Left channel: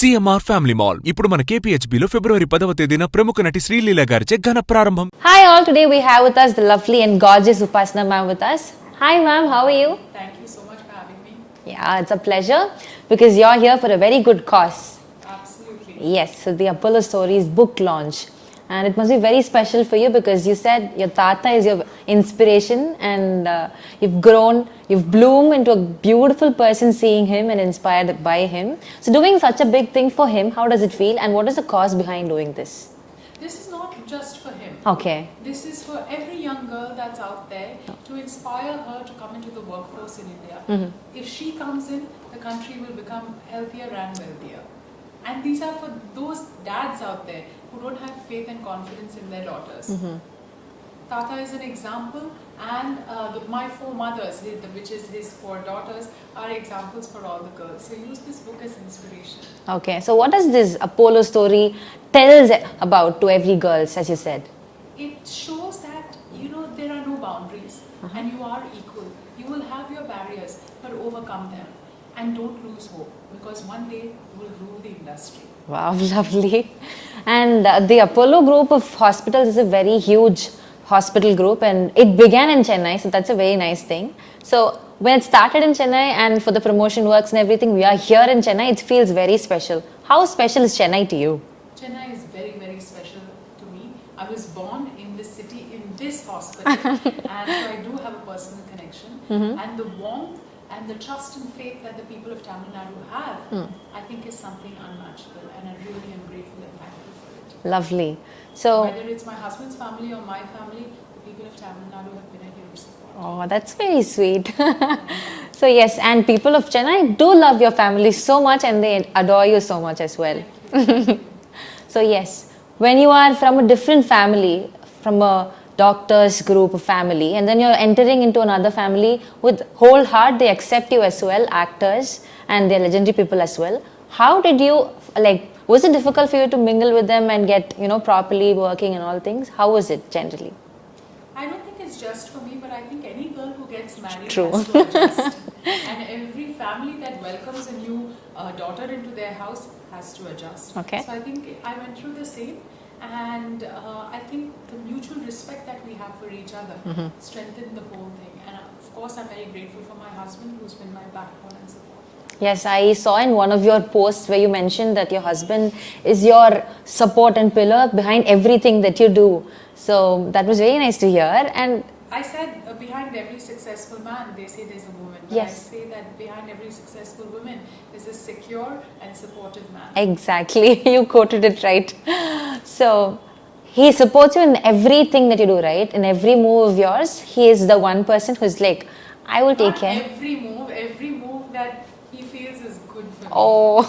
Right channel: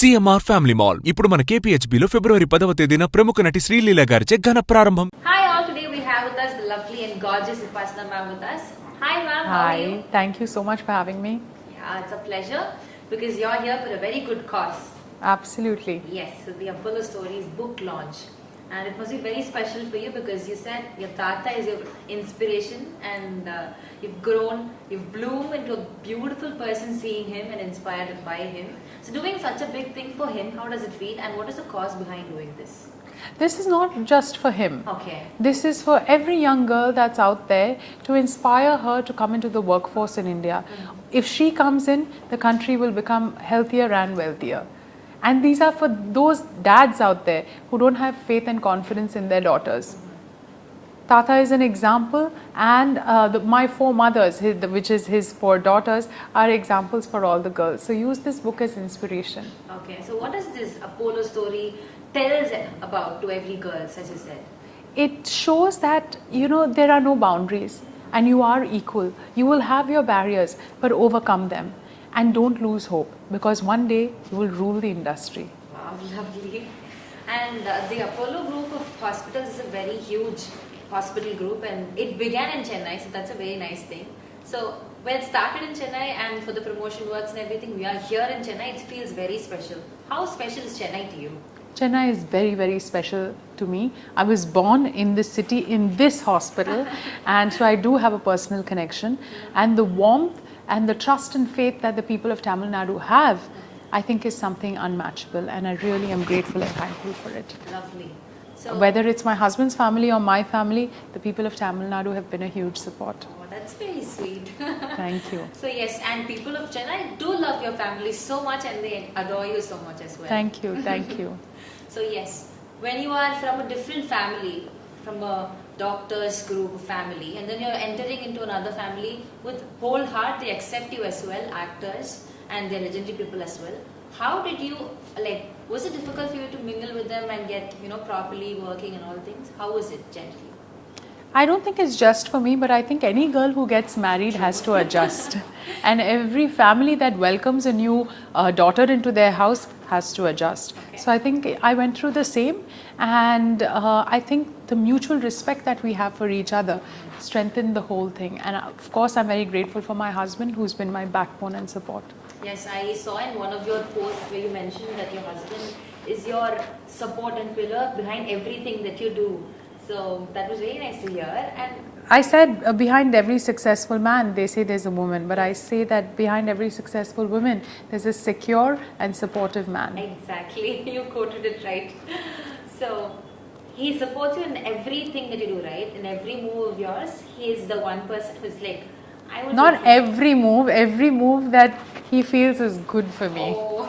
CMR family mall ఇప్పుడు మన కేపీహెచ్బీలో ఫిబ్రవరి 10వ తేదీన ప్రముఖ నటి శ్రీలీల గారిచే ఘన ప్రారంభం. Hi all, today we have with us the lovely and gorgeous Upasana ma'am with us. Hi ma'am, how are you? Thank you so much for having me. Yeah, it's a pleasure because you're here for a very good cause. Absolutely. Yes, so the Apollo Stories book launch. And it must be very special for you because you said your tata is your inspiration and you've grown, you've bloomed into a beautiful person seeing him and inspired by him. So doing such a big thing for him, how does it feel and what is the cause behind doing this? This is not just for him. Okay. This is for every young girl that's out there to inspire her to come into the workforce in India. If she comes in, the country will become healthier and wealthier. And these are for those dads out there who don't have faith and confidence in their daughters. Tata is an example, and my four mothers, which is his four daughters, are examples for all the girls. So use this book as inspiration. Okay, so what does this Apollo story tells about to every girl, as you said? It shows that, there are no boundaries and you are equal. You will have your barriers, but overcome them. And don't lose hope because one day you will rule the industry. Wow, lovely. And the Apollo group of hospitals is a very huge hospital group and it began in Chennai, so that's a very nice thing. So when it started in Chennai and for the promotion works and everything, we are here in Chennai, it feels very special. How special is Chennai to you? Chennai is very, very special to me. I was born in this city, in this hospital, and so I do have a personal connection. And the warmth and the trust and faith that the people of Tamil Nadu have, I think is something unmatchable, and I really am grateful and thankful for it. Lovely. So whether it's my husband's family or my family, the people of Tamil Nadu have been a huge support. Oh, that's very sweet. Thank you. So yes, and people of Chennai do love your family so much and they adore you so much as well. Thank you, thank you. So yes, when you are from a different family, from a doctor's group of family, and then you're entering into another family with whole heart, they accept you as well, actors and they're legendary people as well. How did you, was it difficult for you to mingle with them and get, properly working and all things? How was it generally? I don't think it's just for me, but I think any girl who gets married has to adjust. And every family that welcomes a new daughter into their house has to adjust. Okay. So I think I went through the same, and I think the mutual respect that we have for each other strengthened the whole thing. And of course, I'm very grateful for my husband, who's been my backbone and support. Yes, I saw in one of your posts where you mentioned that your husband is your support and pillar behind everything that you do. So that was very nice to hear. And I said behind every successful man, they say there's a woman. But yes. I say that behind every successful woman, there's a secure and supportive man. Exactly. You quoted it right. So he supports you in everything that you do, right? In every move of yours, he is the one person who's like, I will Not take care. every move that he feels is good for me. Oh.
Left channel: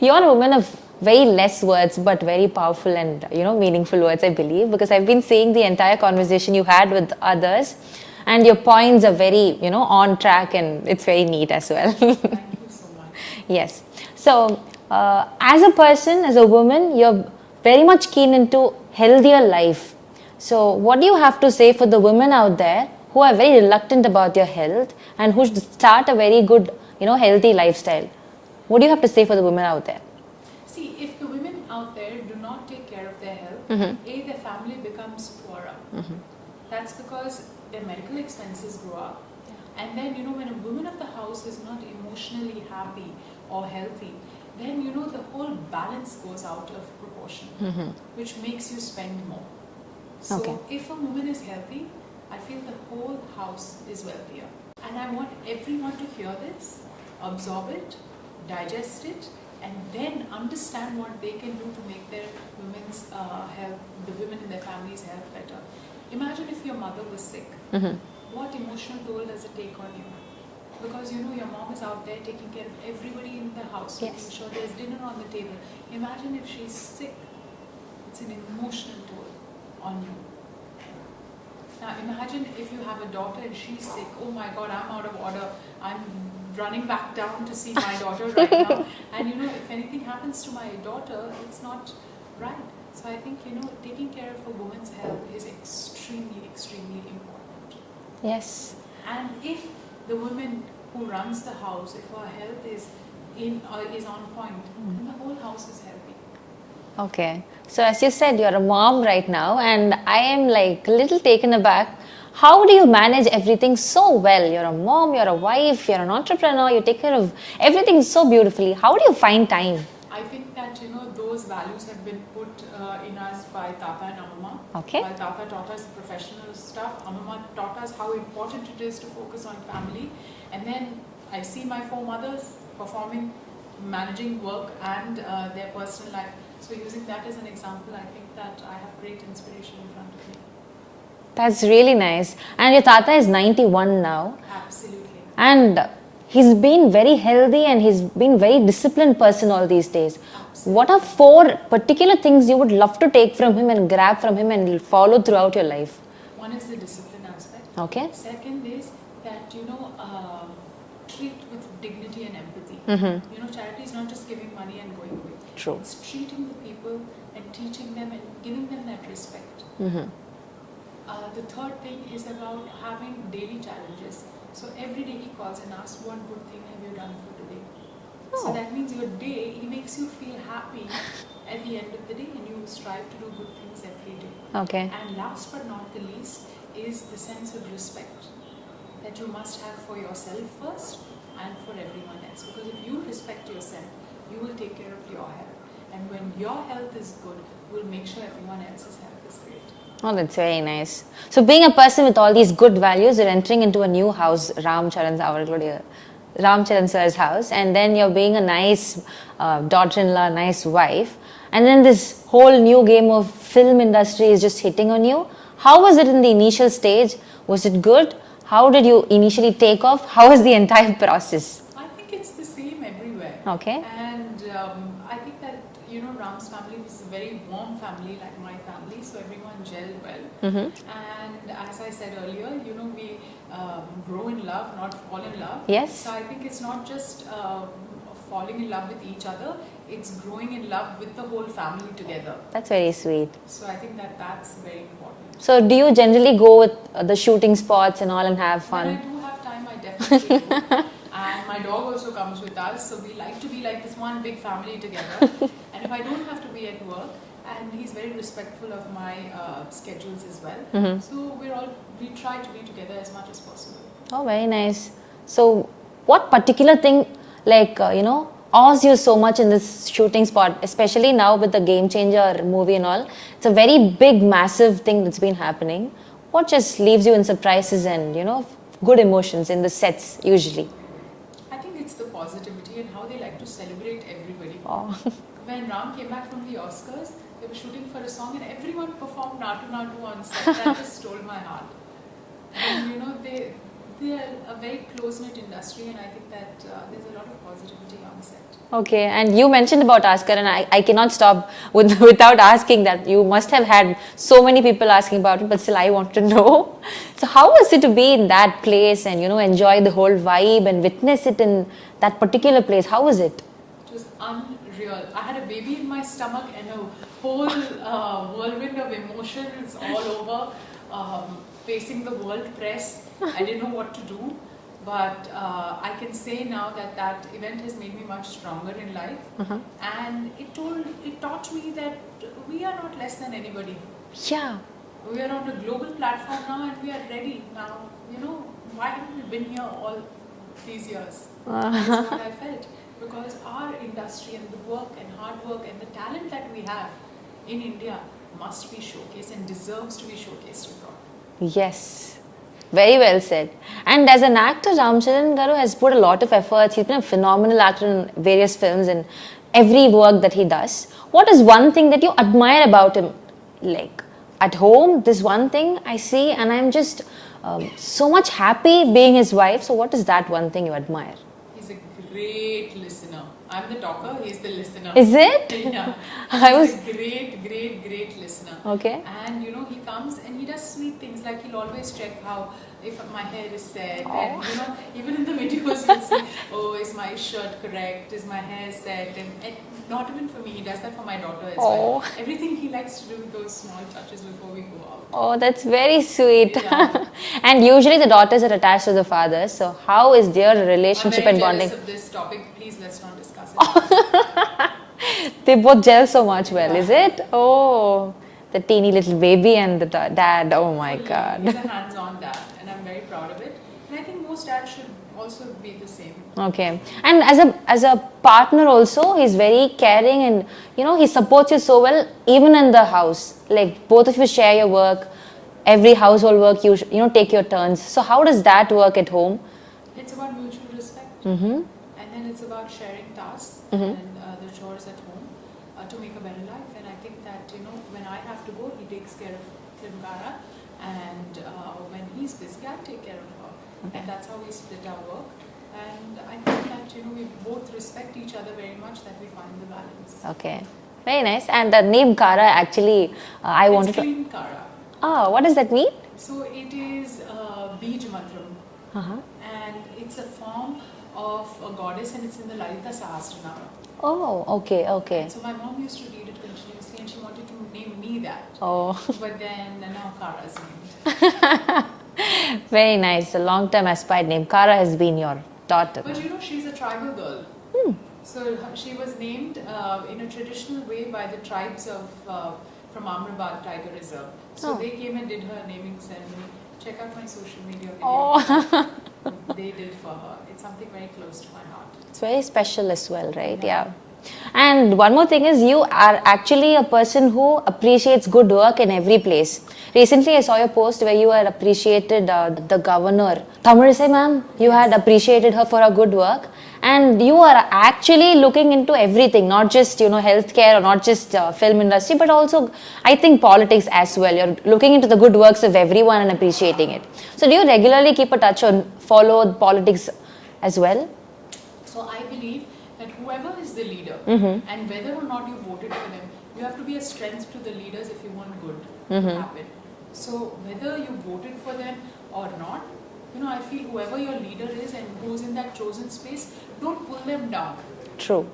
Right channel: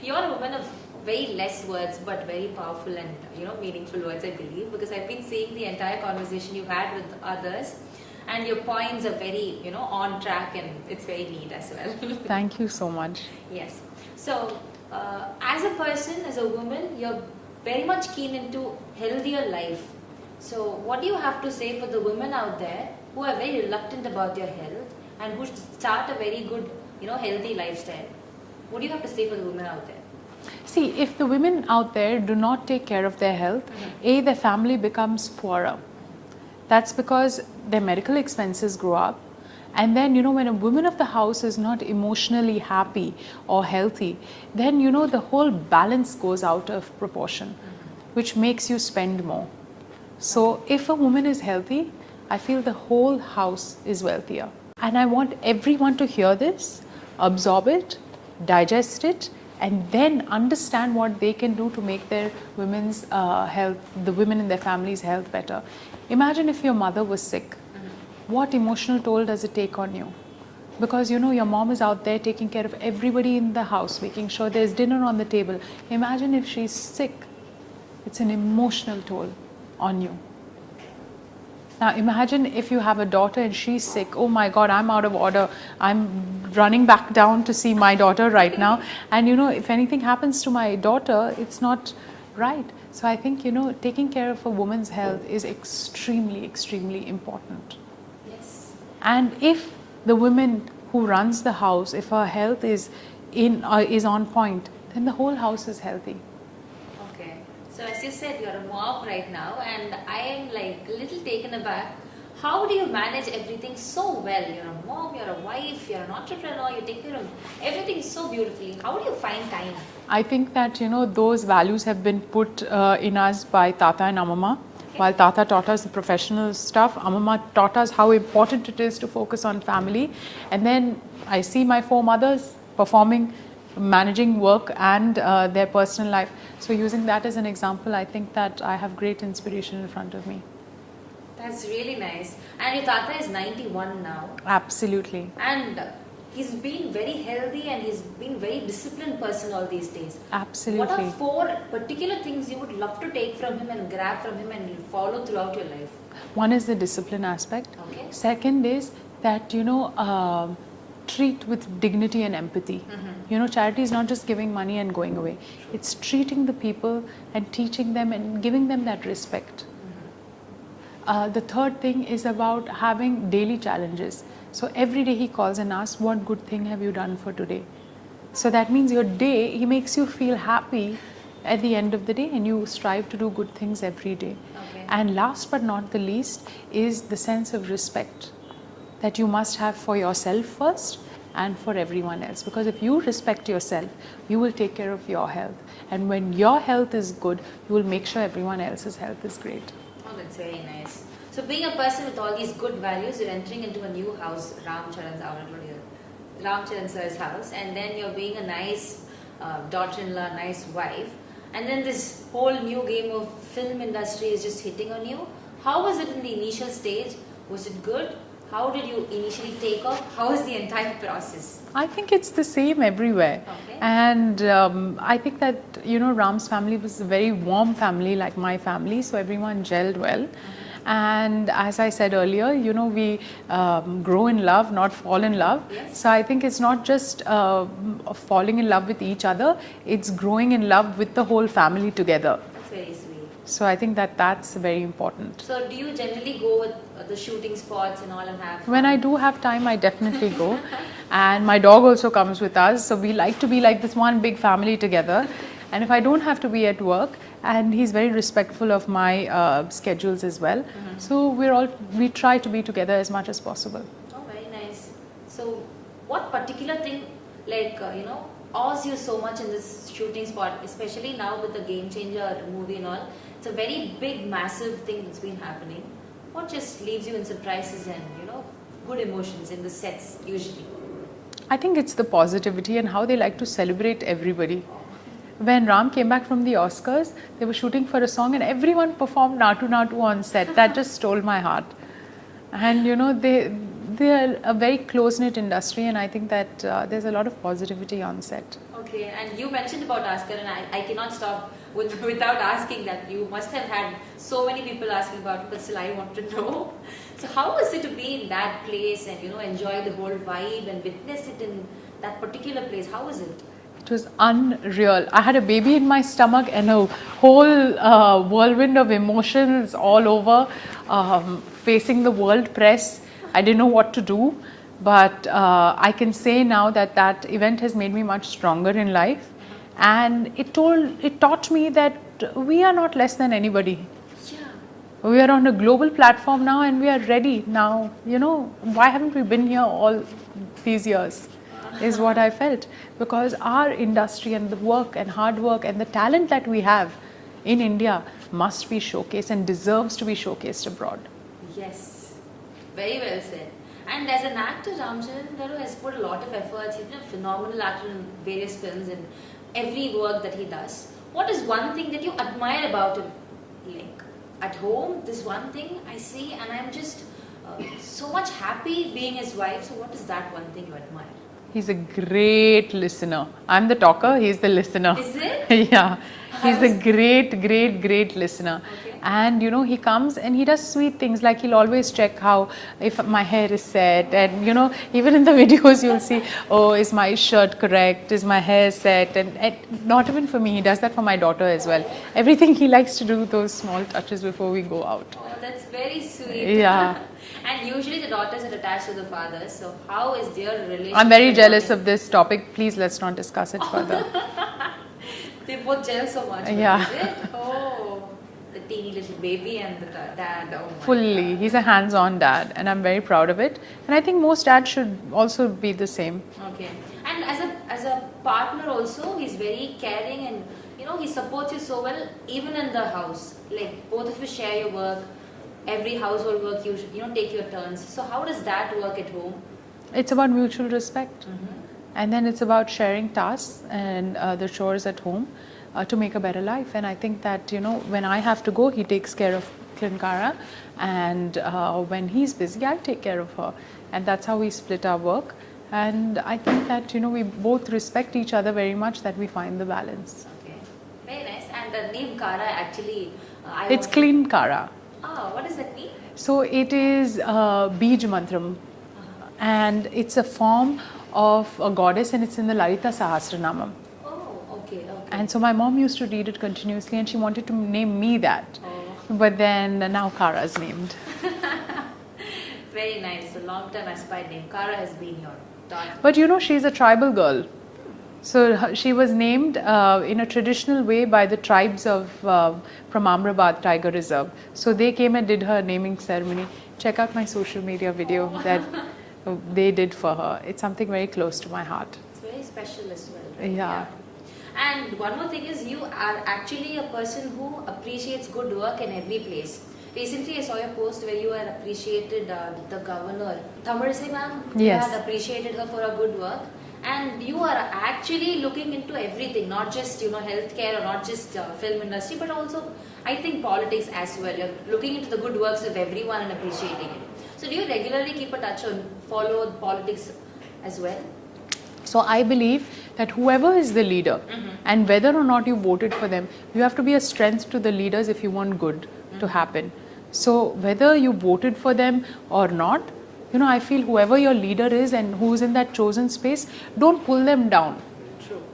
You're a woman of very less words but very powerful and meaningful words, I believe, because I've been seeing the entire conversation you had with others and your points are very on track and it's very neat as well. Thank you so much. Yes. So as a person, as a woman, you're very much keen into healthier life. So what do you have to say for the women out there who are very reluctant about their health and who should start a very good healthy lifestyle? What do you have to say for the women out there? See, if the women out there do not take care of their health, their family becomes poorer. That's because their medical expenses grow up. And then, when a woman of the house is not emotionally happy or healthy, then, the whole balance goes out of proportion, which makes you spend more. So if a woman is healthy, I feel the whole house is wealthier. And I want everyone to hear this, absorb it, digest it, and then understand what they can do to make their women's health, the women in their families' health better. Imagine if your mother was sick. What emotional toll does it take on you? Because your mom is out there taking care of everybody in the house, making sure there's dinner on the table. Imagine if she's sick. It's an emotional toll on you. Now imagine if you have a daughter and she's sick. Oh my God, I'm out of order. I'm running back down to see my daughter right now. And if anything happens to my daughter, it's not right. So I think, taking care of a woman's health is extremely, extremely important. Yes. And if the woman who runs the house, if her health is is on point, then the whole house is healthy. Okay. So as you said, you're a mom right now, and I am like a little taken aback. How do you manage everything so well? You're a mom, you're a wife, you're an entrepreneur, you take care of everything so beautifully. How do you find time? I think that those values have been put in us by Tata and Amama. Okay. While Tata taught us the professional stuff, Amama taught us how important it is to focus on family. And then I see my 4 mothers performing, managing work and their personal life. So using that as an example, I think that I have great inspiration in front of me. That's really nice. And your tata is 91 now. Absolutely. And he's been very healthy and he's been very disciplined person all these days. Absolutely. What are 4 particular things you would love to take from him and grab from him and follow throughout your life? One is the discipline aspect. Okay. Second is that treat with dignity and empathy. Charity is not just giving money and going away. True. It's treating the people and teaching them and giving them that respect. The third thing is about having daily challenges. So every day he calls and asks, what good thing have you done for today? So that means your day, he makes you feel happy at the end of the day, and you strive to do good things every day. Okay. And last but not the least is the sense of respect that you must have for yourself first and for everyone else. Because if you respect yourself, you will take care of your health. And when your health is good, you will make sure everyone else's health is great. Oh, that's very nice. So being a person with all these good values, you're entering into a new house, Ram Charan sir's house, and then you're being a nice daughter-in-law, nice wife, and then this whole new game of film industry is just hitting on you. How was it in the initial stage? Was it good? How did you initially take off? How was the entire process? I think it's the same everywhere. Okay. And I think that, Ram's family was a very warm family like my family, so everyone gelled well. And as I said earlier, we grow in love, not fall in love. Yes. So I think it's not just falling in love with each other, it's growing in love with the whole family together. That's very sweet. So I think that that's very important. So do you generally go with the shooting spots and all and have fun? When I do have time, I definitely go. And my dog also comes with us, so we like to be like this one big family together. And if I don't have to be at work, and he's very respectful of my schedules as well, so we try to be together as much as possible. Oh, very nice. So what particular thing awes you so much in this shooting spot, especially now with the Game Changer movie and all? It's a very big, massive thing that's been happening. What just leaves you in surprises and, good emotions in the sets usually? I think it's the positivity and how they like to celebrate everybody. When Ram came back from the Oscars, they were shooting for a song and everyone performed Natu Natu on set. That just stole my heart. And they are a very close-knit industry, and I think that there's a lot of positivity on set. Okay, and you mentioned about Oscar, and I cannot stop without asking that. You must have had so many people asking about it, but still I want to know. So how was it to be in that place and enjoy the whole vibe and witness it in that particular place? How was it? It was unreal. I had a baby in my stomach and a whole whirlwind of emotions all over, facing the world press. I didn't know what to do, but I can say now that event has made me much stronger in life, and it taught me that we are not less than anybody. Yeah. We are on a global platform now, and we are ready now. Why haven't we been here all these years? Is what I felt, because our industry and the work and hard work and the talent that we have in India must be showcased and deserves to be showcased abroad. Yes. Very well said. And as an actor, Ram Charan Garu has put a lot of efforts. He's been a phenomenal actor in various films and every work that he does. What is one thing that you admire about him? Like at home, this one thing I see and I'm just so much happy being his wife. So what is that one thing you admire? He's a great listener. I'm the talker, he's the listener. Is it? Yeah, I he's was- a great listener. Okay. And you know, he comes and he does sweet things, like he'll always check how, if my hair is set, and you know, even in the videos you'll see, oh, is my shirt correct, is my hair set, and not even for me, he does that for my daughter as well. Everything he likes to do those small touches before we go out. Oh, that's very sweet. Yeah. And usually the daughters are attached to the fathers. So how is their relationship? I'm very and jealous bonding? of this topic. Please, let's not discuss it further. They both gel so much well, Yeah. is it? Oh, the teeny little baby and the dad. Oh my Fully. God. He's a hands-on dad, and I'm very proud of it. And I think most dads should also be the same. Okay. And as a partner also, he's very caring, and you know, he supports you so well even in the house. Like both of you share your work, every household work you know, take your turns. So how does that work at home? It's about mutual respect. And then it's about sharing tasks and the chores at home to make a better life. And I think that, you know, when I have to go, he takes care of Klin Kaara, and when he's busy, I take care of her. And that's how we split our work. And I think that, you know, we both respect each other very much, that we find the balance. Okay. Very nice. And the name Kara actually, I It's wanted to... Klin Kaara. Oh, what does that mean? So it is Bij Mantram, and it's a form of a goddess, and it's in the Lalita Sahasranamam. Oh, okay, okay. And so my mom used to read it continuously, and she wanted to name me that. Oh. But then now Kara is named. Very nice. A long-term aspired name. Kara has been your daughter. But you know, she's a tribal girl. So she was named in a traditional way by the tribes of from Amrabad Tiger Reserve. So they came and did her naming ceremony. Check out my social media video that they did for her. It's something very close to my heart. It's very special as well, right? Yeah. And one more thing is, you are actually a person who appreciates good work in every place. Recently, I saw your post where you had appreciated the governor, Tamilisai ma'am. You Yes. had appreciated her for her good work. And you are actually looking into everything, not just, you know, healthcare or not just film industry, but also I think politics as well. You're looking into the good works of everyone and appreciating it. So do you regularly keep a touch or follow politics as well? So I believe that whoever is the leader, and whether or not you voted for them, you have to be a strength to the leaders if you want good to happen. So whether you voted for them or not, you know, I feel whoever your leader is and who's in that chosen space, don't pull them down. True.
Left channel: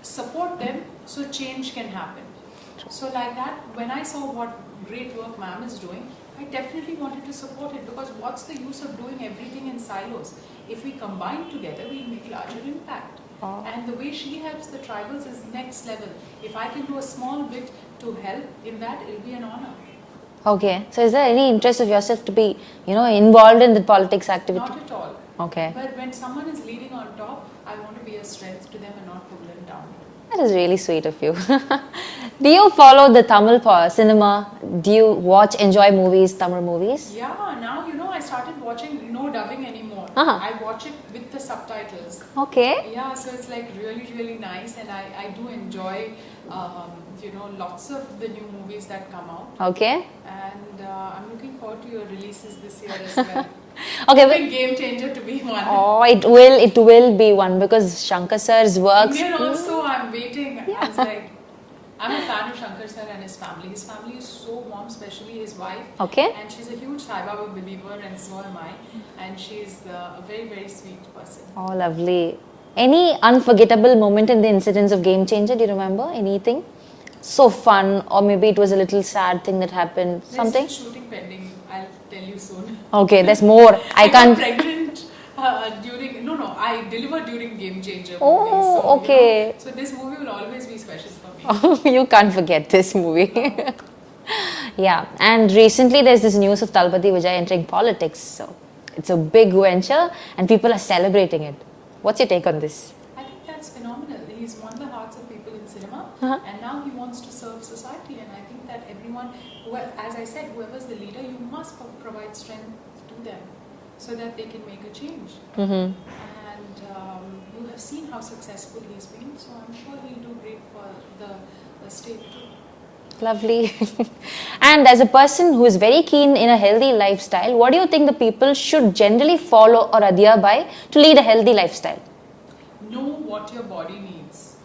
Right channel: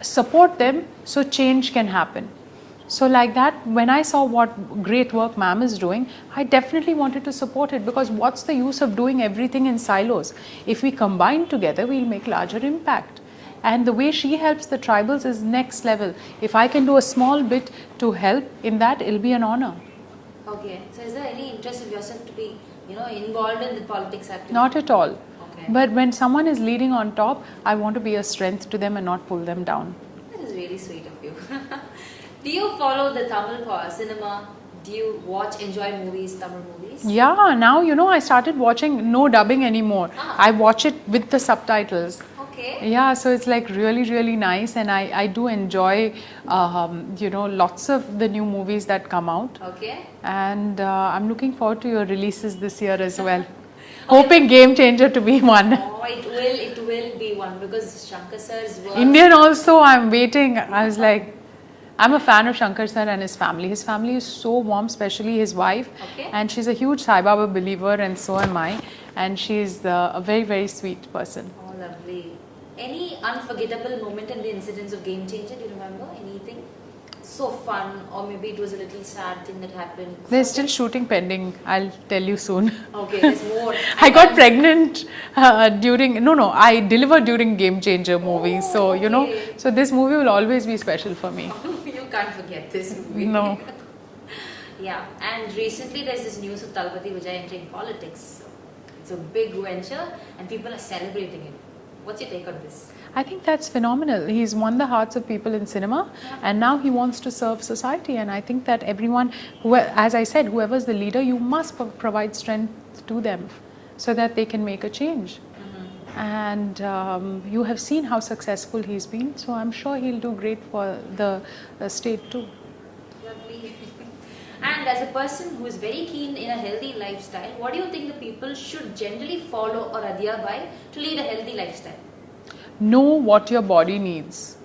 Support them so change can happen. So like that, when I saw what great work ma'am is doing, I definitely wanted to support it, because what's the use of doing everything in silos? If we combine together, we'll make larger impact. And the way she helps the tribals is next level. If I can do a small bit to help in that, it'll be an honor. Okay. So is there any interest of yourself to be, you know, involved in the politics activity? Not at all. Okay. But when someone is leading on top, I want to be a strength to them and not pull them down. That is really sweet of you. Do you follow the Tamil cinema? Do you enjoy movies, Tamil movies? Yeah, now you know I started watching no dubbing anymore. I watch it with the subtitles. Okay. Yeah, so it's like really nice, and I do enjoy you know, lots of the new movies that come out. Okay. And I'm looking forward to your releases this year as well. Okay, Hoping Game Changer to be one. Oh, it will be one, because Shankar sir's works. Indian also, I'm waiting. I was like, I'm a fan of Shankar sir and his family. His family is so warm, especially his wife. Okay. And she's a huge Sai Baba believer, and so am I. And she's a very sweet person. Oh, lovely. Any unforgettable moment in the incidents of Game Changer? Do you remember anything? So fun, or maybe it was a little sad thing that happened. There's Something? still shooting pending. I'll tell you soon. Okay, there's more. I got can't. pregnant during, no, I delivered during Game Changer movie. Oh, So, you know, okay. so this movie will always be special for me. You can't forget this movie. No. Yeah, and recently there's this news of Talpati Vijay entering politics. So it's a big venture and people are celebrating it. What's your take on this? I think that's phenomenal. He's won the hearts of people in cinema, and now he wants to serve society. And I think that everyone, as I said, whoever's the leader, you must provide strength to them so that they can make a change. And you have seen how successful he's been, so I'm sure he'll do great for the state too. Lovely. And as a person who is very keen in a healthy lifestyle, what do you think the people should generally follow or adhere by to lead a healthy lifestyle? know what your body needs.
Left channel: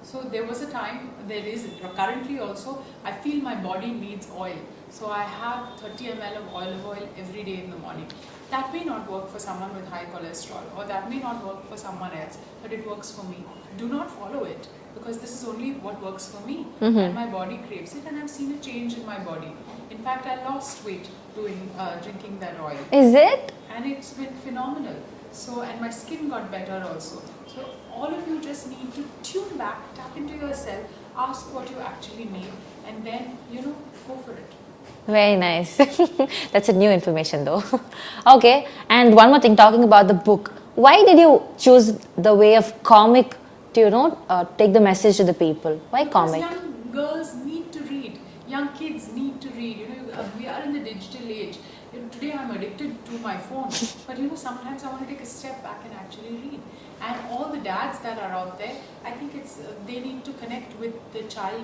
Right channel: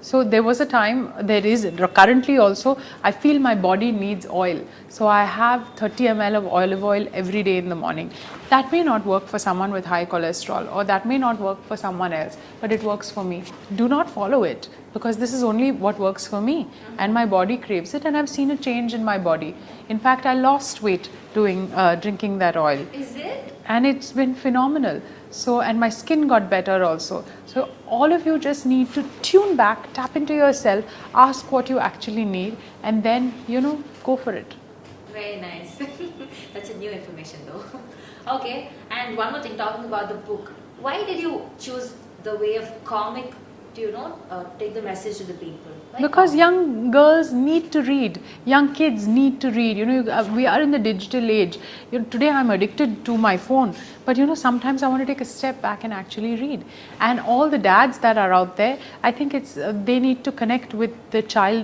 So there was a time, there is currently also, I feel my body needs oil. So I have 30 ml of olive oil every day in the morning. That may not work for someone with high cholesterol, or that may not work for someone else, but it works for me. Do not follow it, because this is only what works for me, and my body craves it, and I've seen a change in my body. In fact, I lost weight drinking that oil. Is it? And it's been phenomenal. So, and my skin got better also. So all of you just need to tune back, tap into yourself, ask what you actually need, and then, go for it. Very nice. That's a new information though. Okay, and one more thing, talking about the book. Why did you choose the way of comic to, take the message to the people? Why Because comic? young girls need to read, young kids need to read. We are in the digital age. Today I'm addicted to my phone, but sometimes I want to take a step back and actually read. And all the dads that are out there, I think it's they need to connect with the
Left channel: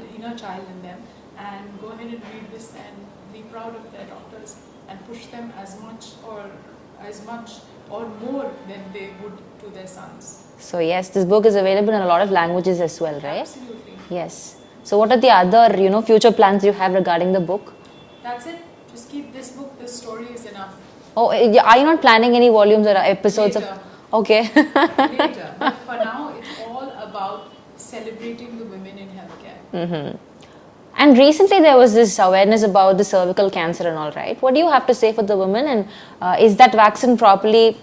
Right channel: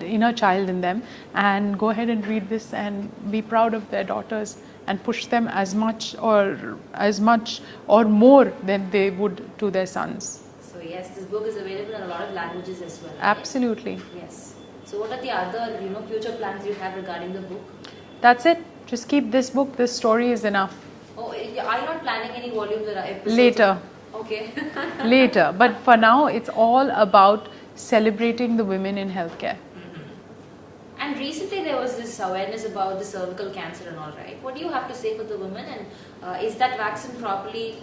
inner child in them, and go ahead and read this and be proud of their daughters, and push them as much or more than they would to their sons. So yes, this book is available in a lot of languages as well, right? Absolutely. Yes. So what are the other, future plans you have regarding the book? That's it. Just keep this book. This story is enough. Oh, are you not planning any volumes or episodes? Later. Okay. Later. But for now, it's all about celebrating the women in healthcare. And recently there was this awareness about the cervical cancer and all, right? What do you have to say for the women, and is that vaccine properly?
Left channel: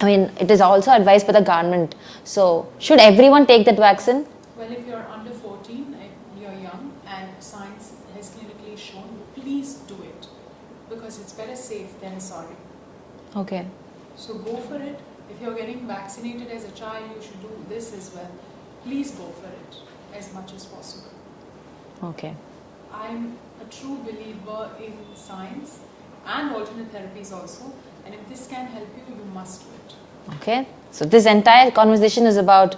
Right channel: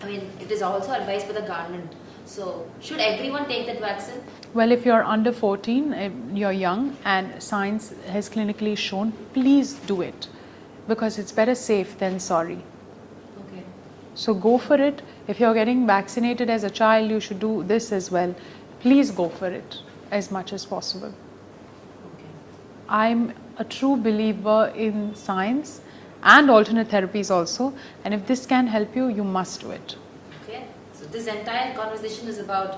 I mean, it is also advised by the government. So, should everyone take that vaccine? Well, if you're under 14, if you're young, and science has clinically shown, please do it. Because it's better safe than sorry. Okay. So go for it. If you're getting vaccinated as a child, you should do this as well. Please go for it as much as possible. Okay. I'm a true believer in science and alternate therapies also, and if this can help you, you must do it. Okay. So this entire conversation is about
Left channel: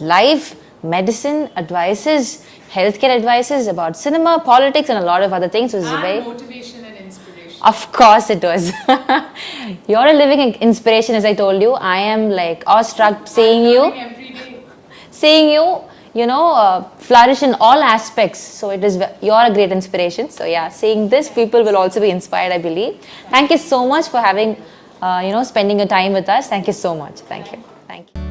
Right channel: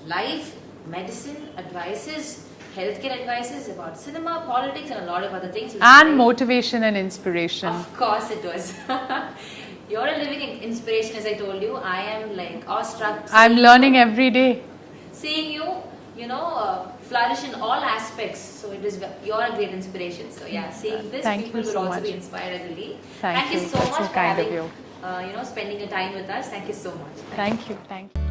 life, medicine, advices, healthcare advices, about cinema, politics, and a lot of other things. And motivation and inspiration. Of course it was. You're a living inspiration, as I told you. I am like awestruck seeing I'm learning every day. Seeing you, flourish in all aspects. So you're a great inspiration. So yeah, seeing this, Thank people you will so also be much. inspired, I believe. Thank you you. so That's much so for kind having, of you. spending your time with us. Thank you so much. Thank you. Thank you.